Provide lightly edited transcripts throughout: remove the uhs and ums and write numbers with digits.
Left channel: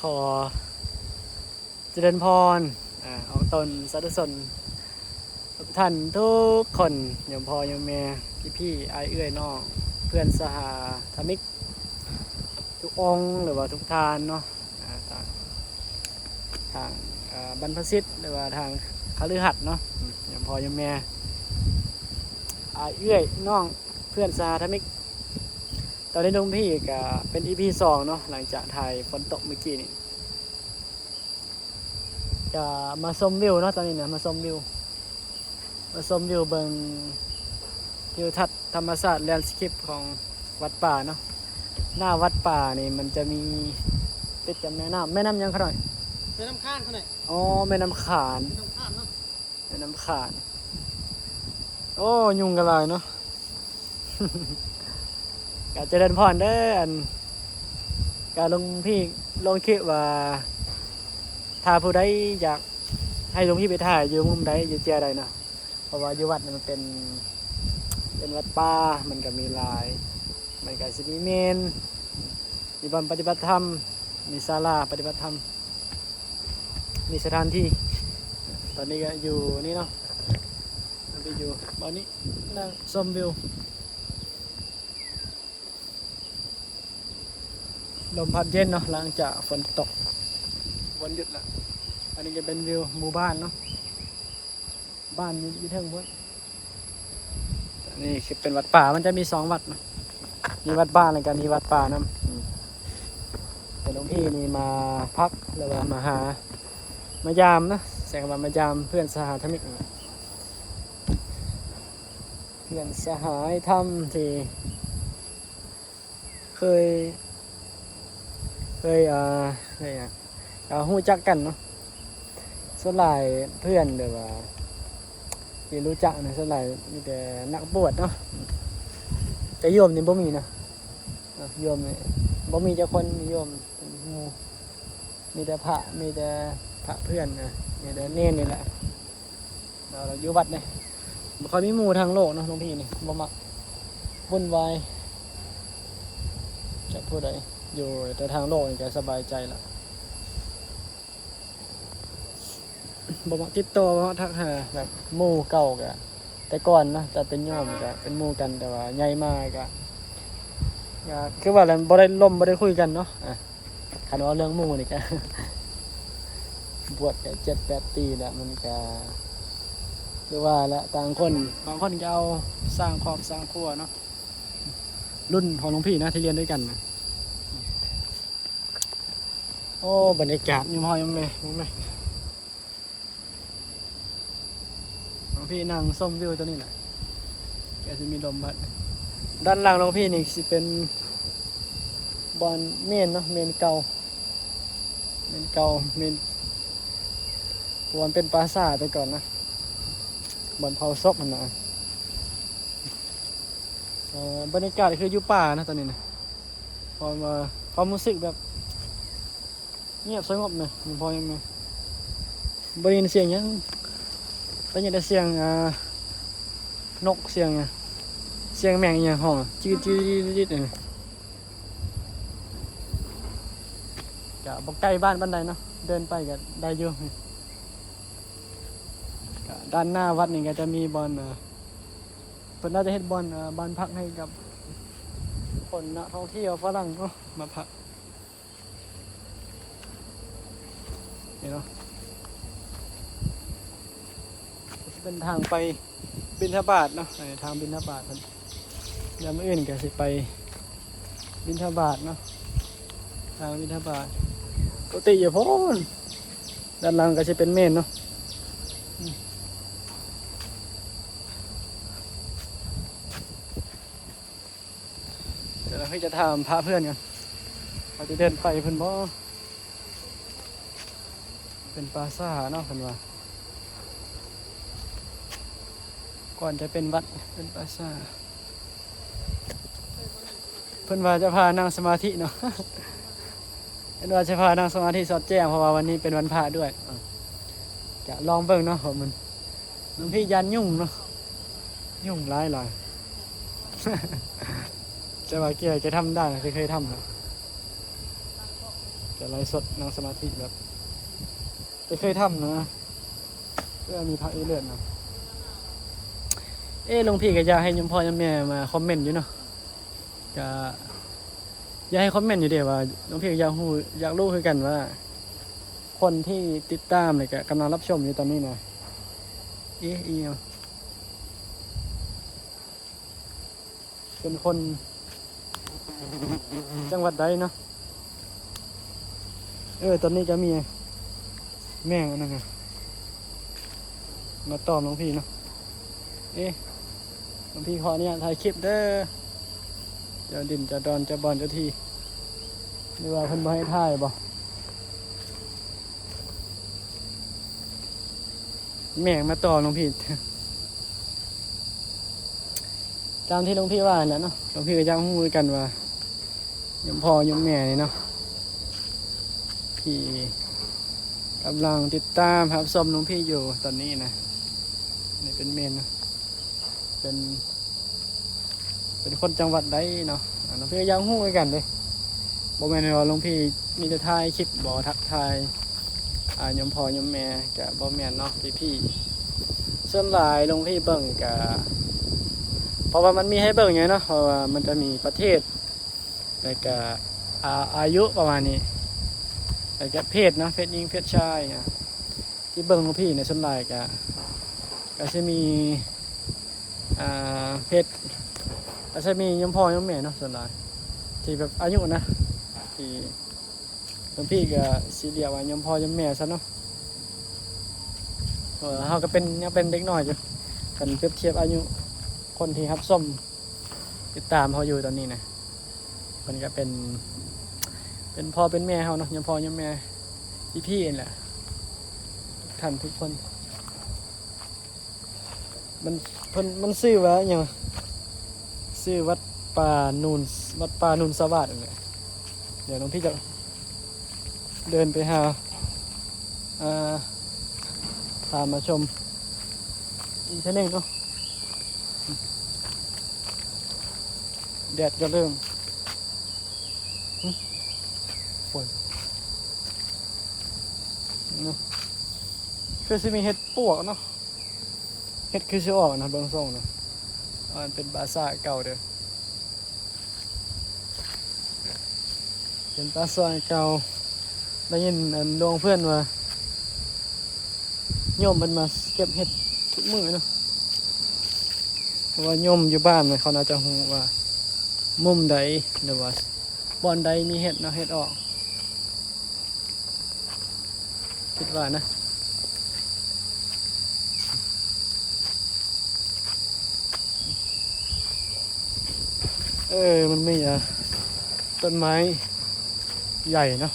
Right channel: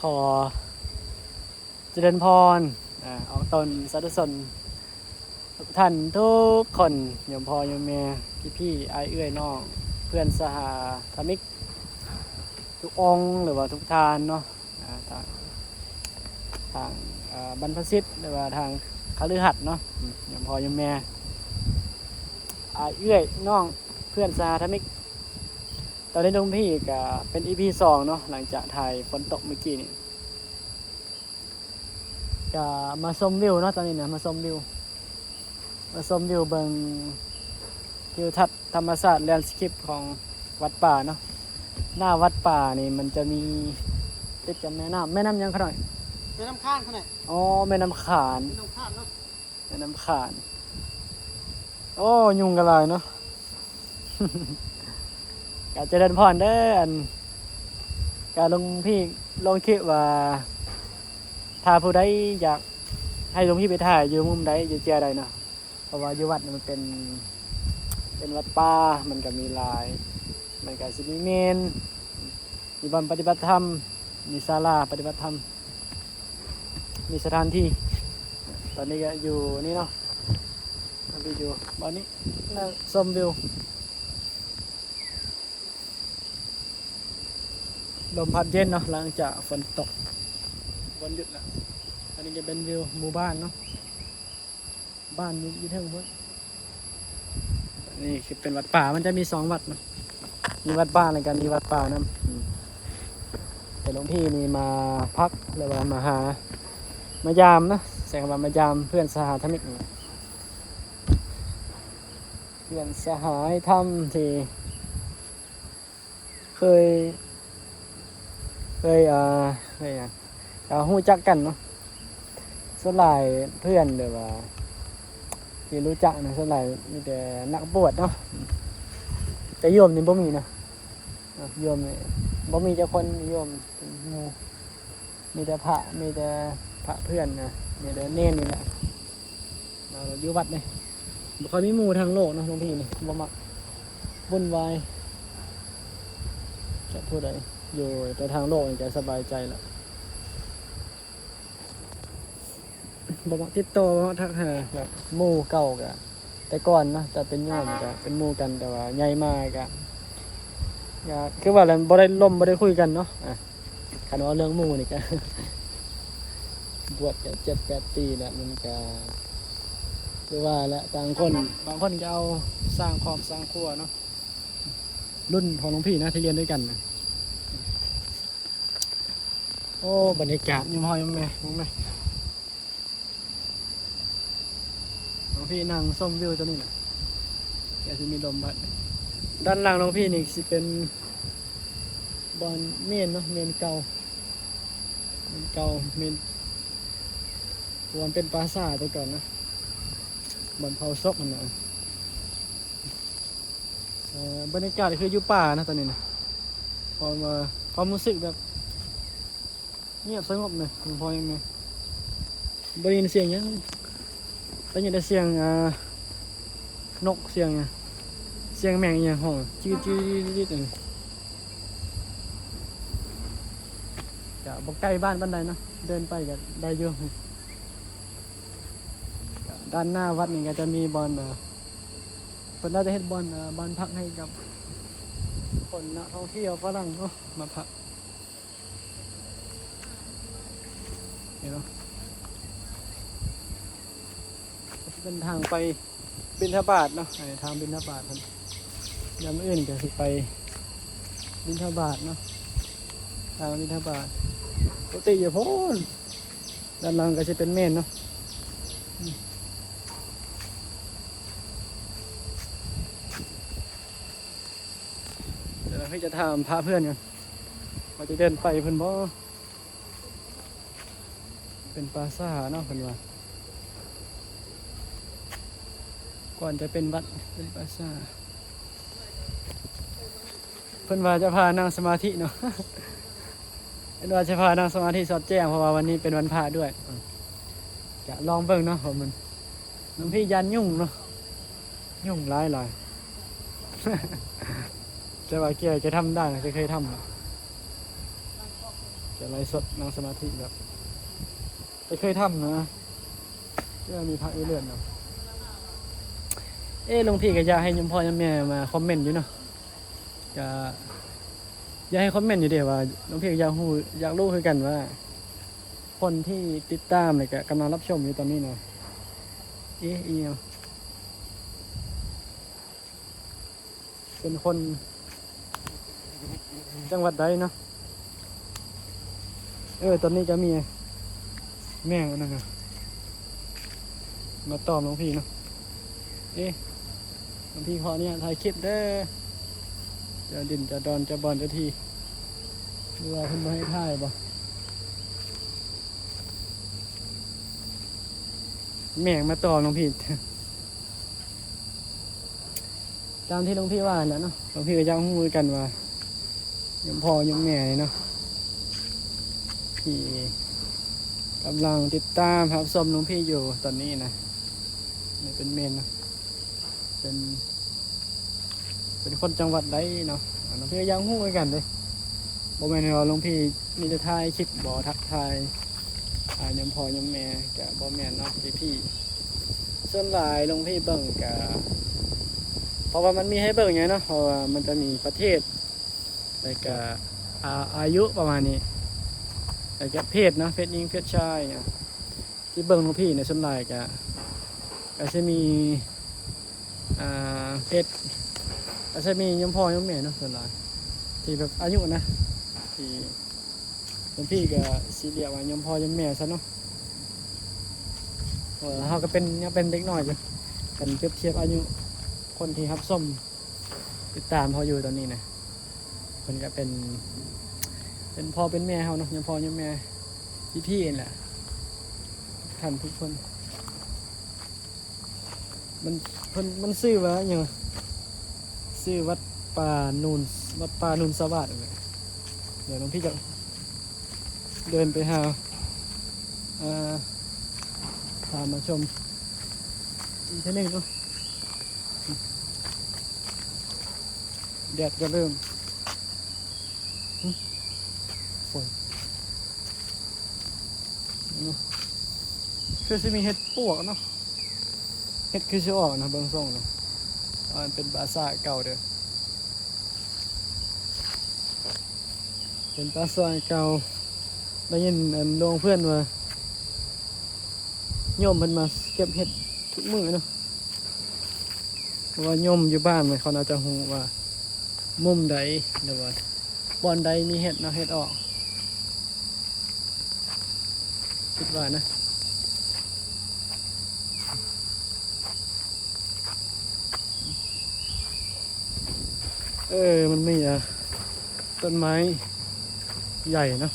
ขอเจริญพรออกตนสาธุชนทุกท่านทุกคนโยมพ่อโยมแม่พี่ๆอ้ายเอื้อยน้องเพื่อนสหธมิกทุกองค์หรือว่าทุกทานเนาะทางบรรพชิตหรือว่าทางคฤหัสถ์เนาะโยมพ่อโยมแม่อ้ายเอื้อยน้องเพื่อนสหธมิกตอนนี้หลวงพี่ก็เป็น EP 2เนาะหลังจากถ่ายฝนตกเมื่อกี้นี่จะมาชมวิวเนาะตอนนี้เนี่ยมาชมวิวเบิ่งทิวทัศน์ธรรมศาสตร์แลนด์สเคปของวัดป่าเนาะหน้าวัดป่านี่มันจะมีติดกับแม่น้ำยังขน่อยแม่น้ำข้านเขาเนี่ยอ๋อแม่น้ำขาน แม่น้ำข้านเนาะแม่น้ำขานโอ้ยุงกันเลยเนาะ กาเจริญพรเด้ออันการลงพี่ลงคิดว่าถ้าผู้ใดอยากให้ลงพี่ไปถ่ายอยู่มุมใดอยู่เจียใดเนาะเพราะว่าอยู่วัดมันเป็นวัดป่ามันก็มีหลายมันก็สิมีเมนมีบ่อนปฏิบัติธรรมมีศาลาปฏิบัติธรรมมีสถานที่ตอนนี้ก็อยู่นี่เนาะไปอยู่บ้านนี้นั่งชมวิวลมพัดเย็นเนาะหลังจากฝนตกวันหยุดแล้วอันนี้จะเป็นวิวหมู่บ้านเนาะบ้านอยู่เทิงพุ่นนี่คือเป็นวัดป่ามันจะมี2 วัดนะมีวัดบ้านอะไรกันมีวัดป่านะแต่หลวงพี่นี่มาพักหรือว่ามายามนะแสงว่ามายามเพื่อนสหธมิกเพื่อนสหายธรรมที่เคยหู้จักกันเนาะส่วนหลายเพื่อนหรือว่าที่รู้จักนะส่วนหลายมีแต่นักบวชเนาะแต่โยมนี่บ่มีเนาะโยมนี่บ่มีเจ้าคนโยมเป็นหมู่มีแต่พระเพื่อนนะมีแต่เน้นนี่แหละเราอยู่วัดเนี่ยบ่ค่อยมีหมู่ทางโลกเนาะหลวงพี่นี่บ่มักวุ่นวายจะพูดอะไรอยู่แต่ทางโลกนี่จะสบายใจละบ่มักติดต่อบ่มักทักหาแบบหมู่เก่าก็แต่ก่อนนะแต่เป็นโยมก็เป็นหมู่กันแต่ว่าใหญ่มากก็คือว่าแล้วบ่ได้ล่มบ่ได้คุยกันเนาะคันว่าเรื่องหมู่นี่ก็ บวชก็7-8 ปีแล้วมันก็คือว่าละต่างคนบางคนก็เอาสร้างครอบสร้างครัวเนาะรุ่นของหลวงพี่นะที่เรียนด้วยกันนะโอ้บรรยากาศยังพอยังแม่หลวงพี่นั่งส้มวิวตัวนี้แหละแกจะมีลมพัดด้านล่างหลวงพี่นี่สิเป็นบอนเมนเนาะเมนเก่าเมนวันเป็นปราสาทไปก่อนนะบอนเผาศพมันเนาะบรรยากาศคืออยู่ป่านะตอนนี้นะพอมาความรู้สึกแบบเงียบสงบเลยยังพอยังไงบริเวณเสียงยังได้ยินแต่เสียงนกเสียงแมงอย่างห้องจี๊ดเองก็บอกใกล้บ้านใดเนาะเดินไปก็ได้เยอะด้านหน้าวัดนี่ก็จะมีบอลเพิ่นน่าจะเฮ็ดบอลบ้านพักให้กับคนนักท่องเที่ยวฝรั่งเนาะมาพักนี่เนาะจะเป็นทางไปบิณฑบาตเนาะทางบิณฑบาตมันยามมื้ออื่นก็สิไปบิณฑบาตเนาะทางบิณฑบาตปกติอยู่พ้นด้านหลังก็จะเป็นเมนเนาะเดี๋ยวเราจะถามพาเพื่อนกันเขาจะเดินไปเพิ่นบ่เป็นปราสาทเนาะเพิ่นว่าก่อนจะเป็นวัดเป็นปราสาทเพิ่นว่าจะพานั่งสมาธิเนาะ เพิ่นว่าจะพานั่งสมาธิสอดแจ้งเพราะว่าวันนี้เป็นวันพระด้วยจะลองเบิ่งเนาะผมมันหลวงพี่ยันยุ่งเนาะยุ่งหลาย จะว่าแกจะทำได้จะเคยทำหรอ จะไลฟ์สดนั่งสมาธิแบบจะเคยทำนะเพื่อมีพระเลือดนะหลวงพี่ก็อยากให้ยมพ่อยมแม่มาคอมเมนต์อยู่เนาะก็อยากให้คอมเมนต์อยู่เดียวว่าหลวงพี่ก็อยากรู้คือกันว่า คนที่ติดตามเลยก็กำลังรับชมอยู่ตอนนี้นะเป็นคนจังหวัดใดเนาะตอนนี้ก็มีแม่นั่นไงมาตอบหลวงพี่เนาะหลวงพี่ขอเนี่ยถ่ายคลิปเด้อจะดินจะดอนจะบอลจะทีหรือว่าเพิ่นบ่ให้ถ่ายบ่แม่มาตอบหลวงพี่ตามที่หลวงพี่ว่าแหละเนาะหลวงพี่ก็ยังรู้กันว่ายมพ่อยมแม่เนาะที่กำลังติดตามครับชมหลวงพี่อยู่ตอนนี้นะนี่เป็นเมนเนาะเป็นคนจังหวัดใดเนาะหลวงพี่ก็ยังรู้กันเลยบ่แม่นว่าหลวงพี่มีแต่ถ่ายคลิปบ่ทักทายยมพ่อยมแม่ก็บ่แม่นเนาะพี่ส่วนหลายหลวงพี่เบิ่งก็เพราะว่ามันมีให้เบิ่งไงเนาะเพราะว่ามันจะมีประเทศแล้วก็อายุประมาณนี้แล้วก็เพศนะเพศหญิงเพศชายที่เบิ่งหลวงพี่ในส่วนหลายก็จะมีเพศก็จะมียมพ่อยมแม่เนาะส่วนหลายที่แบบอายุนะที่หลวงพี่ก็สิเรียกว่ายมพ่อยมแม่ซะเนาะเขาก็ยังเป็นเด็กน้อยอยู่กันเปรียบเทียบอายุคนที่รับส้มติดตามเขาอยู่ตอนนี้นะมันก็เป็นพ่อเป็นแม่เขาเนาะยมพ่อยมแม่พี่เองแหละท่านทุกคนมันซื้อว่าอย่างซื้อวัดป่านูนสวัสดิ์เนี่ยเดี๋ยวน้องพี่จะเดินไปหาพามาชมอีกทีนึงเนาะแดดก็เริ่มฝนเนาะคือจะมีเห็ดปวกเนาะเห็ดคือจะออกนะเบื้องส่งเนาะมันเป็นปราสาทเก่าเด้อเป็นปราสาทเก่าได้ยินโรงเพื่อนว่าโยมเพิ่นมาเก็บเห็ดทุกมื้อเนาะเพราะว่าโยมอยู่บ้านเขาน่าจะรู้ว่ามุมใดหรือว่าบ่อนใดมีเห็ดเนาะเห็ดออกคิดว่านะมันมีต้นไม้ใหญ่เนาะ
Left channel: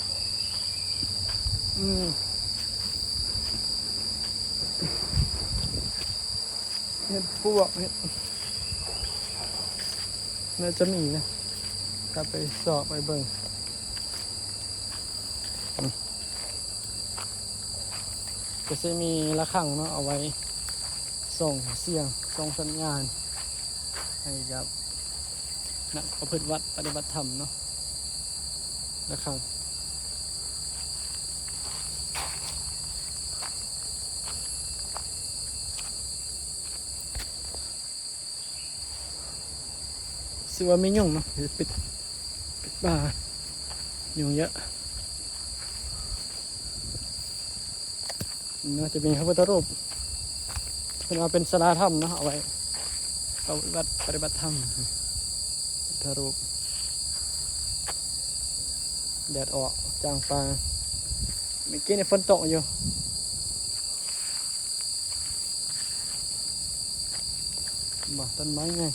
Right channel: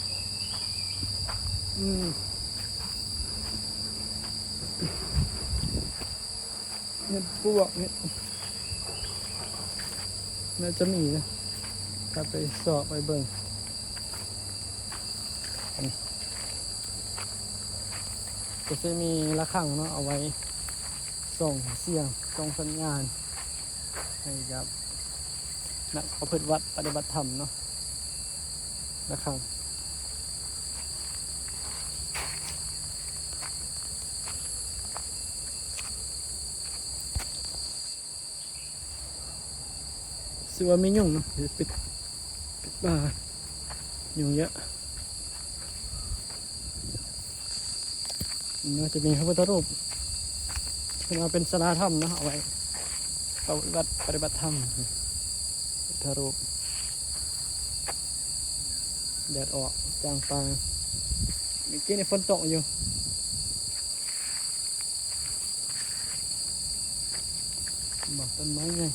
เห็ดปวกเห็ดน่าจะมีนะถ้าไปสอบไปเบิ่งก็จะมีระฆังเนาะเอาไว้ส่งเสียงส่งสัญญาณให้กับนักประพฤติวัดปฏิบัติธรรมเนาะระฆังสิว่าไม่ยุ่งเนาะปิดบ้ายุ่งเยอะน่าจะมีพระพุทธรูปเป็นเอาเป็นศาลาธรรมเนาะเอาไว้ปฏิบัติธรรมพุทธรูปแดดออกจางปางเมื่อกี้ในฝนตกอยู่บอกต้นไม้ไง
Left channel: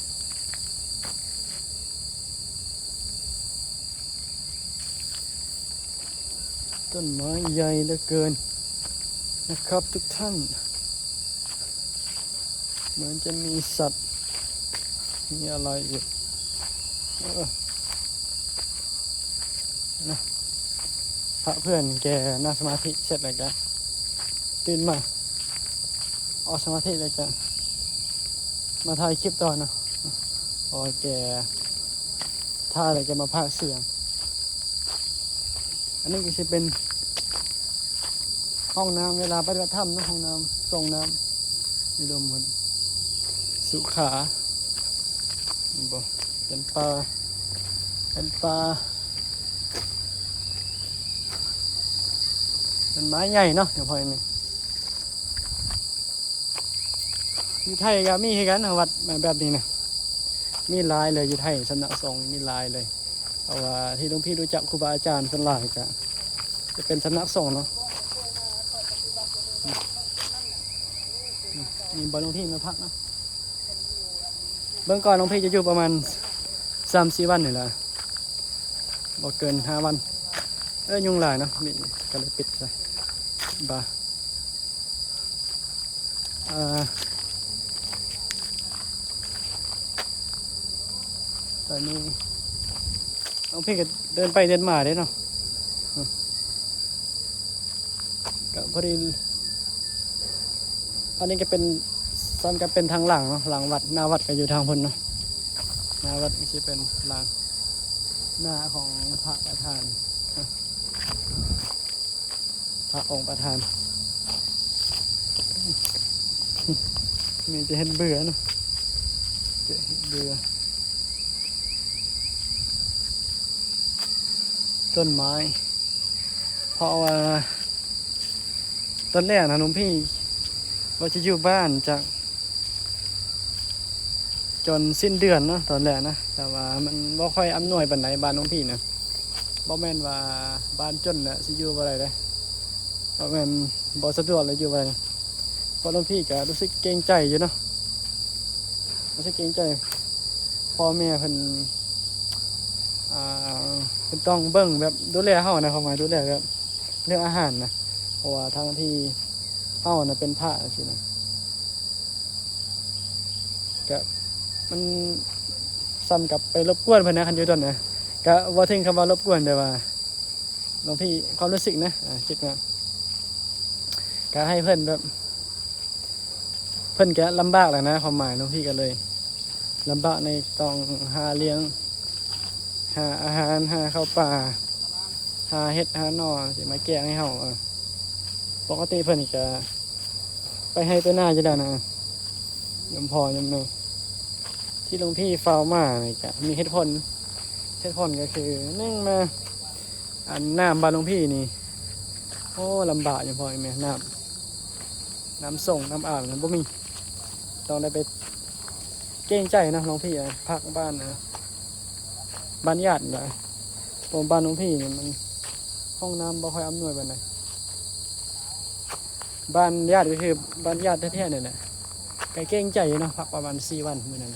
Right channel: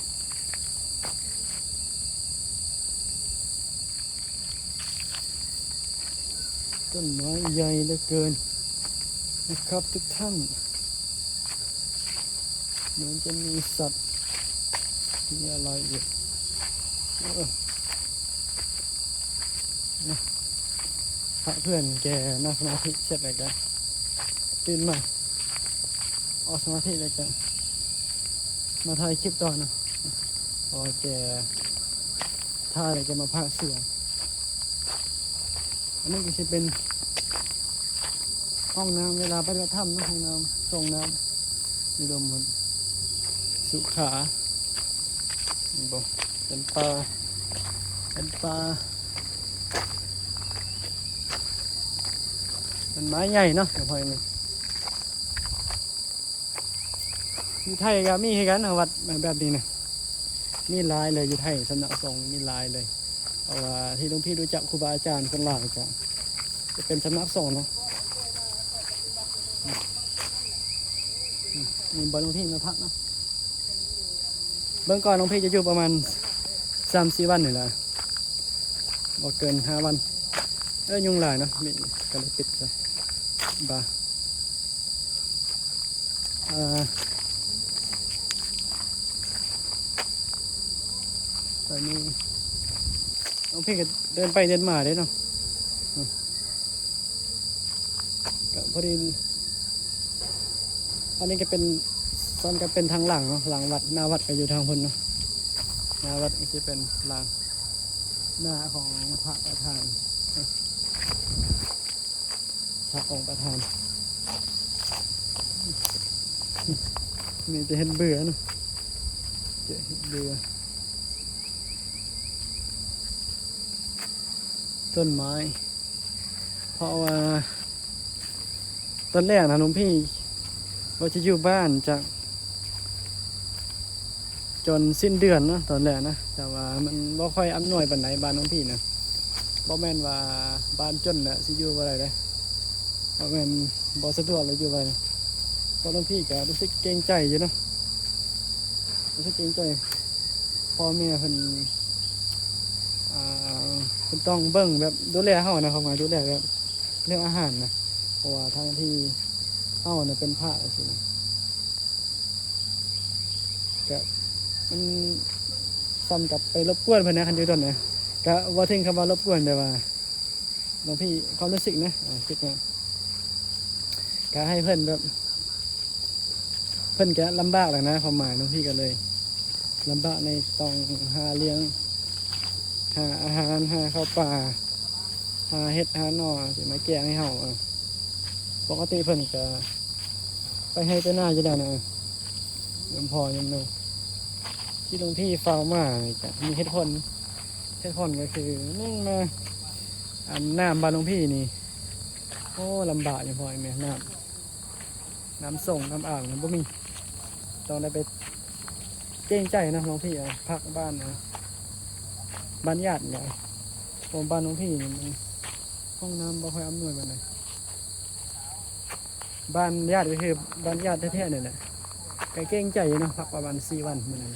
ต้นไม้ใหญ่เหลือเกินนะครับทุกท่านเหมือนจะมีสัตว์มีอะไรอยู่พระเพื่อนแกนั่งสมาธิเสร็จแล้วกันตื่นมาออกสมาธิแล้วกันมาถ่ายคลิปต่อเนาะพอแกท่าอะไรแกมาพากเสียง อันนี้ก็จะเป็นห้องน้ำเวลาปฏิบัติธรรมนะห้องน้ำส่งน้ำนี่ลมมันสุขาเป็นปลาเป็นไม้ใหญ่เนาะเดี๋ยวพอยังไงอยู่ไทยก็มีให้กันวัดแบบนี้นะนี่ลายเลยอยู่ไทยสำนักสงฆ์นี่ลายเลยเพราะว่าที่หลวงพี่รู้จักครูบาอาจารย์ส่วนหลายจะเป็นสำนักสงฆ์เนาะนี่บอลหลวงพี่มาพักเนาะเบื้องก่อนหลวงพี่จะอยู่ประมาณ3-4 วันนี่แหละบ่เกิน5 วันยุงหลายเนาะนี่ก็เลยปิดไปบ่าตอนนี้น้องพี่ก็เดินไปเดินมาได้เนาะก็พอดีอันนี้ก็เป็นซ้อนก็เป็นทางหลังเนาะหลังวัดหน้าวัดก็อยู่ทางพ้นเนาะหน้าวัดก็จะเป็นหลังหน้าของพระประธานพระองค์ประธานมีจะเห็นเบื่อเนาะจะเห็นเบื่อต้นไม้เพราะว่าตอนแรกนะหลวงพี่ว่าจะอยู่บ้านจากจนสิ้นเดือนเนาะตอนแรกนะแต่ว่ามันบ่ค่อยอำนวยปานไหนบ้านหลวงพี่นะบ่แม่นว่าบ้านจนแหละสิอยู่บ่ได้เลยบ่แม่นบ่สะดวกเลยอยู่บ่ได้เพราะหลวงพี่ก็รู้สึกเกรงใจอยู่เนาะรู้สึกเกรงใจพ่อแม่เพิ่นเพิ่นต้องเบิ่งแบบดูแลเฮานะความหมายดูแลแบบเรื่องอาหารนะเพราะว่าทางที่เฮาน่ะเป็นพระสินะก็มันซ้ำกับไปรบกวนเพิ่นนะคันอยู่ตอนนะก็บ่ถึงคำว่ารบกวนแต่ว่าหลวงพี่ความรู้สึกนะคิดว่าก็ให้เพิ่นแบบเพิ่นก็ลำบากแหละนะความหมายหลวงพี่ก็เลยลำบากในต้องหาเลี้ยงหาอาหารหาข้าวปลาหาเห็ดหาหน่อสิมาแกงให้เฮาปกติเพิ่นจะไปให้ไปหน้าจะได้นะยมพอยมเนยที่หลวงพี่เฝ้ามาเนี่ยจะมีเห็ดพ่นก็คือนึ่งมาน้ำบ้านหลวงพี่นี่โอ้ลำบากยมพอยเนี่ยน้ำส่งน้ำอ่างมันบ่มีต้องได้ไปเกรงใจนะหลวงพี่พักบ้านนะบ้านญาติเลยตรงบ้านหลวงพี่นี่มันห้องน้ำบ่ค่อยอำนวยปานใดบ้านญาติก็คือบ้านญาติแท้ๆนี่แหละแต่เกรงใจอยู่เนาะพักประมาณ4 วันมื้อนั้น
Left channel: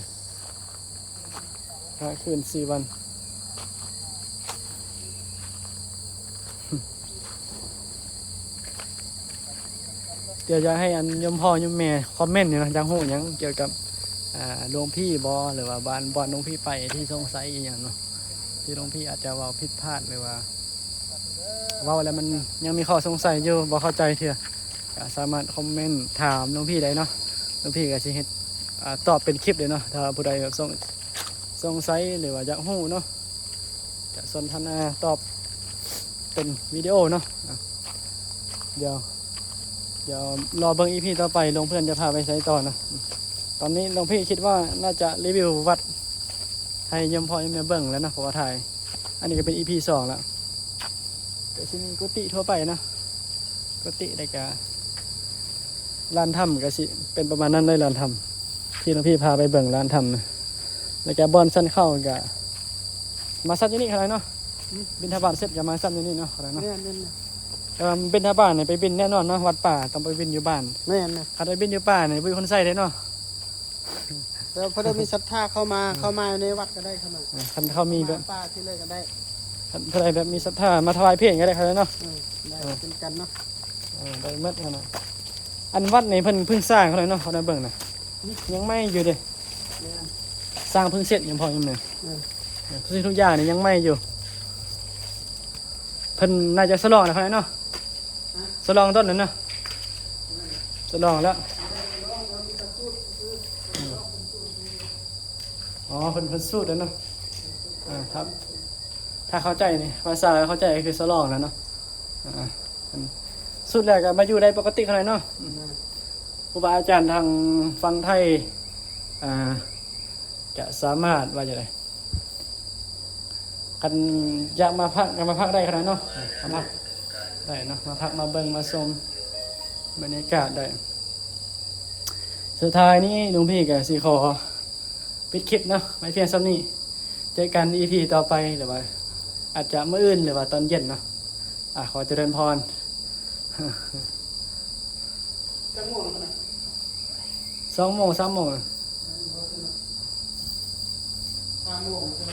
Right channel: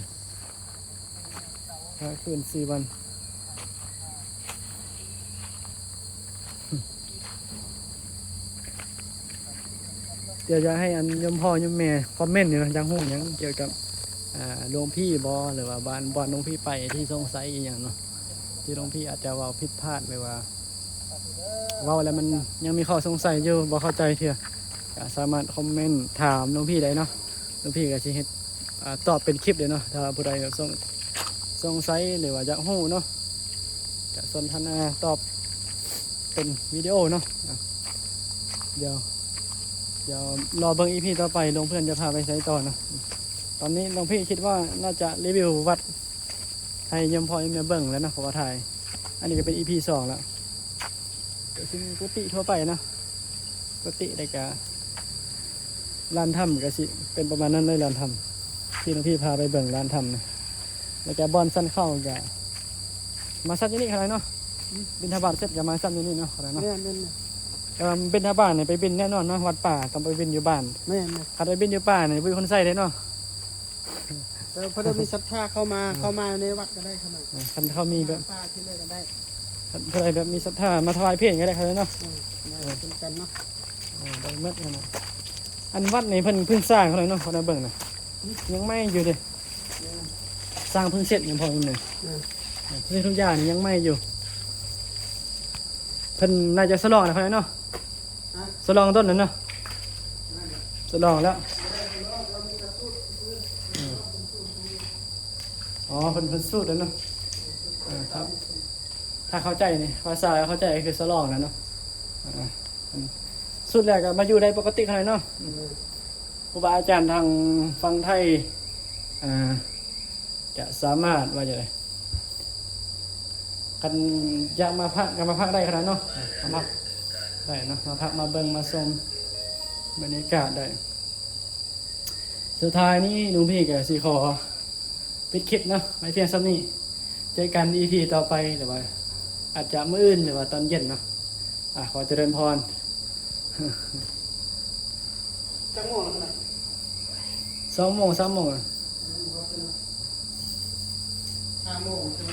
พักคืน4 วันเดี๋ยวจะให้อันยมพ่อยมแม่คอมเมนต์อยู่นะจังหูยังเกี่ยวกับหลวงพี่บอหรือว่าบ้านหลวงพี่ไปที่สงสัยอย่างเนาะที่หลวงพี่อาจจะว่าผิดพลาดหรือว่าแล้วมันยังมีข้อสงสัยอยู่บ่เข้าใจเถอะสามารถคอมเมนต์ถามหลวงพี่ได้เนาะหลวงพี่ก็สิเฮ็ดตอบเป็นคลิปเลยเนาะถ้าผู้ใดสงสัยหรือว่าอยากรู้เนาะจะสนทนาตอบเป็นวิดีโอเนาะเดี๋ยวรอเบิ่ง EP ต่อไปหลวงเพื่อนจะพาไปใช้ต่อนะตอนนี้หลวงพี่คิดว่าน่าจะรีวิววัดให้ยมพอยมเบิ่งแล้วนะเพราะว่าถ่ายอันนี้ก็เป็น EP 2แล้วก็ซึ่งกุฏิทั่วไปนะกุฏิได้กะลานถ้ำก็สิเป็นประมาณนั้นเลยลานถ้ำที่หลวงพี่พาไปเบิ่งลานถ้ำนะแล้วก็บอนสั้นเข้าก็มาซัดที่นี่อะไรเนาะบิณฑบาตเสร็จก็มาซัดที่นี่เนาะอะไรเนาะแต่ว่าบิณฑบาตเนี่ยไปบินแน่นอนเนาะวัดป่าต้องไปบินอยู่บ้านแน่นะขัดไปบินอยู่ป่าเนี่ยเป็นคนใส่ได้เนาะแต่พอได้มีศรัทธาเข้ามาในวัดก็ได้ขนาดคันเขามีแบบป่าที่เลยก็ได้เพื่อแบบมีศรัทธามาถวายเพลงก็ได้ครับเนาะเป็นกันเนาะได้เมื่อขนาดอันวัดในเพิ่งสร้างเขาเลยเนาะเขาได้เบิ่งนะยังไม่อยู่เด้สร้างเพิ่งเสร็จยังพออยู่เลยทุกอย่างนี่ยังไม่อยู่เพิ่นน่าจะสลองนะเขาเนาะสลองต้นนั้นเนาะสลองแล้วอ๋อเพิ่นสูตรแล้วเนาะครับ ถ้าเข้าใจนี่ภาษาเข้าใจคือสลองแล้วเนาะอ่าอันนี้สุดแล้วก็มาอยู่ได้ปกติขนาดเนาะครูบาอาจารย์ทางฟังไทยอ่าจะสามารถว่าจะไดกันอยากมาพักมาพักได้ขนาดเนาะมาพักได้เนาะมาพักมาเบิ่งมาชมบรรยากาศได้สุดท้ายนี้ลุงพี่กับสีขอปิดคลิปเนาะไว้เพียงซ้ำนี้เจอกัน EP ต่อไปหรือว่าอาจจะมื้ออื่นหรือว่าตอนเย็นเนาะขอเจริญพร จังโมงแล้วนะ 2 โมง 3 โมง 5 โมงใช่ไหม